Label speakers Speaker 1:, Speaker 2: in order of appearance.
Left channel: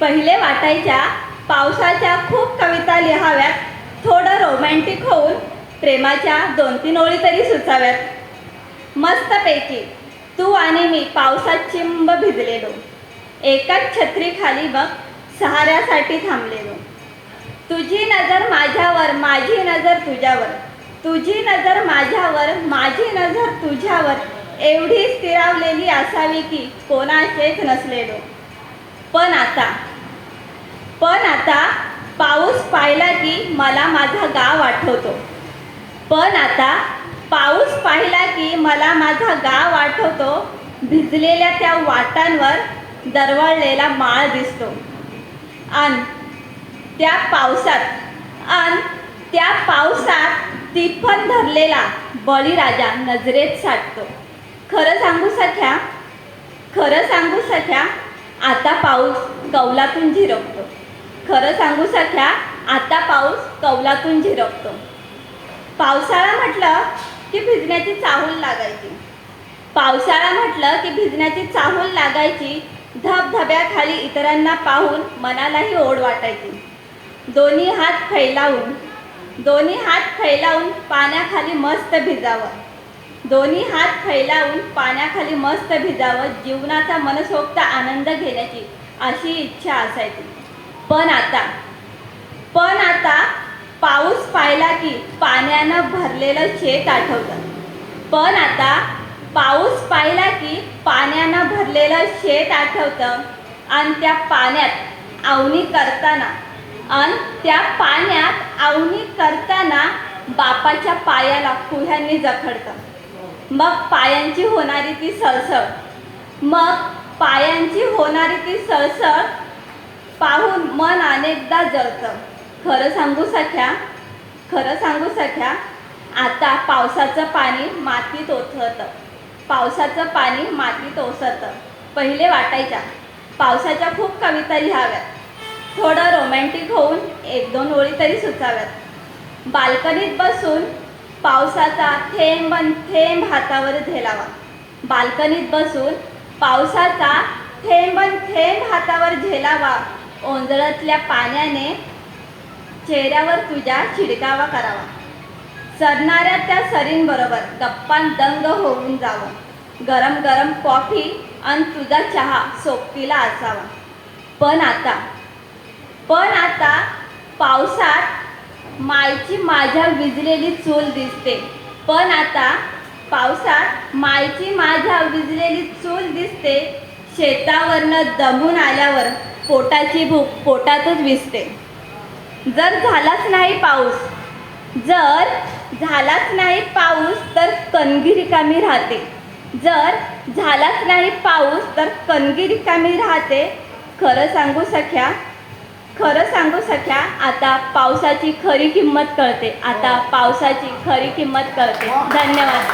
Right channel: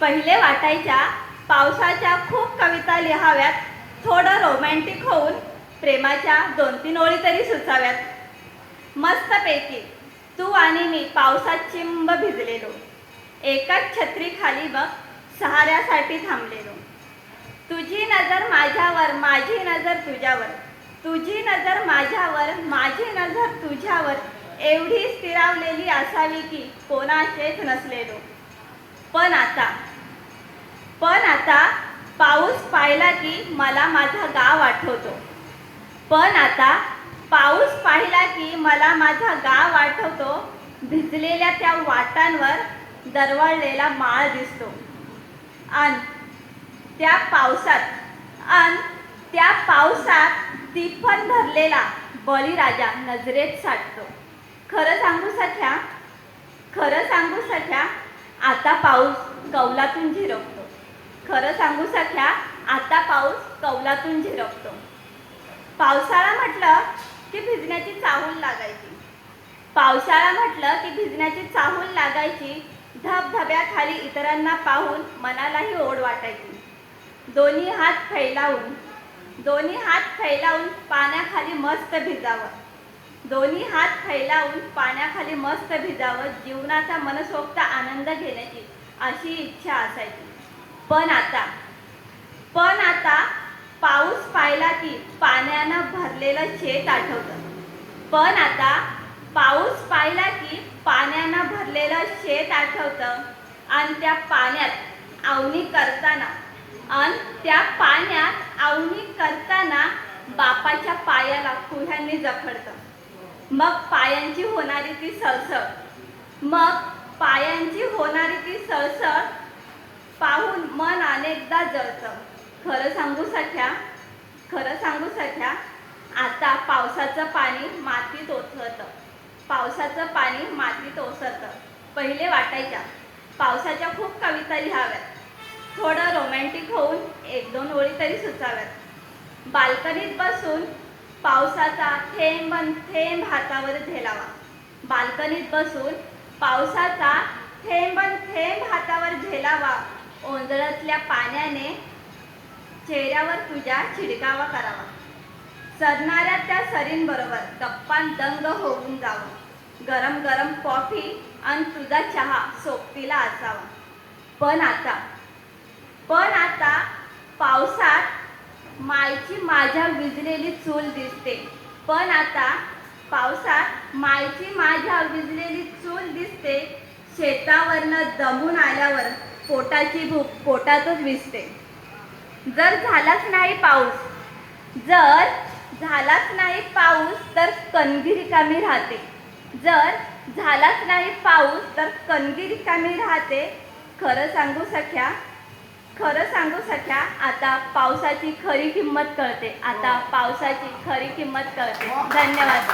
Speaker 1: पहिले वाटायच्या पावसाच्या खूप कविता लिहाव्यात थोडं रोमॅन्टिक होऊन प्रेमाच्या दोन तीन ओळी तरी सुचाव्यात. मस्तपैकी तू आणि मी पावसात चिंब भिजलेलो. एकाच छत्रीखाली मग सहाऱ्यासाठी थांबलेलो. तुझी नजर माझ्यावर माझी नजर तुझ्यावर. तुझी नजर माझ्यावर माझी नजर तुझ्यावर. एवढी स्थिरावलेली असावी की कोणाचेच नसलेलो. पण आता पण आता पाऊस पाहिला की मला माझा गाव आठवतो. पण आता पाऊस पाहिला की मला माझा गाव आठवतो. भिजलेल्या त्या वाटांवर दरवळलेला माळ दिसतो. आणि त्या पावसात आणि त्या पावसात तिफन धरलेला बळीराजा नजरेत साठतो. खरं सांगू सख्या खरं सांगू सख्या आता पाऊस कौलातून झिरपतो. खरं सांगू सख्या आता पाऊस कौलातून झिरपतो. पावसाळा म्हटलं की भिजण्याची चाहूल लागायची. पावसाळा म्हटलं की भिजण्याची चाहूल लागायची धबधब्याखाली इतरांना पाहून मनालाही ओढ वाटायची. दोन्ही हात फैलावून दोन्ही हात फैलावून पाण्याखाली मस्त भिजावं. दोन्ही हात फैलावून पाण्याखाली मस्त भिजावं जीवनाचा मनसोक्त आनंद घेण्याची अशी इच्छा असायची. पण आता पण आता पाऊस पाहिला की पाण्यानं भरलेलं शेत आठवतं. पण आता पाऊस पाहिला की पाण्यानं भरलेलं शेत आठवतं आणि त्या पाण्यात आवणी करताना आणि त्या पाण्यात आवणी करताना बापाच्या पायाला कुह्यांनी जखडतं. मग पायांची होणारी ती सळसळ. मग पायांची होणारी ती सळसळ पाहून मन अनेकदा जळतं. खरं सांगू सख्या खरं सांगू सख्या आता पावसाचं पाणी मातीत ओसरतं. पावसाचं पाणी मातीत ओसरतं. पहिले वाटायच्या. पावसाच्या खूप कविता लिहाव्यात थोडं रोमॅन्टिक होऊन एक दोन ओळी तरी सुचाव्यात. बाल्कनीत बसून पावसाचा थेंब थेंब हातावर झेलावा बाल्कनीत बसून पावसाचा थेंब थेंब हातावर झेलावा ओंजळतल्या पाण्याने चेहऱ्यावर तुझ्या छिडकावा करावा. सरणाऱ्या त्या सरींबरोबर गप्पान दंग होऊन जावं. गरम गरम कॉफी आणि तुझा चहा सोबतीला असावा. पण आता पण आता पावसात मायची माझ्या विजलेली चूल दिसते. पण आता पावसात मायची माझ्या विजलेली चूल दिसते. शेतावरनं दमून आल्यावर पोटाची भूक पोटातच विसते. जर झालाच नाही पाऊस जर झालाच नाही पाऊस तर कणगी रिकामी राहते. जर झालाच नाही पाऊस तर कणगी रिकामी राहते. खरं सांगू सख्या खरं सांगू सख्या आता पावसाची खरी किंमत कळते. आता पावसाची खरी किंमत कळते. धन्यवाद.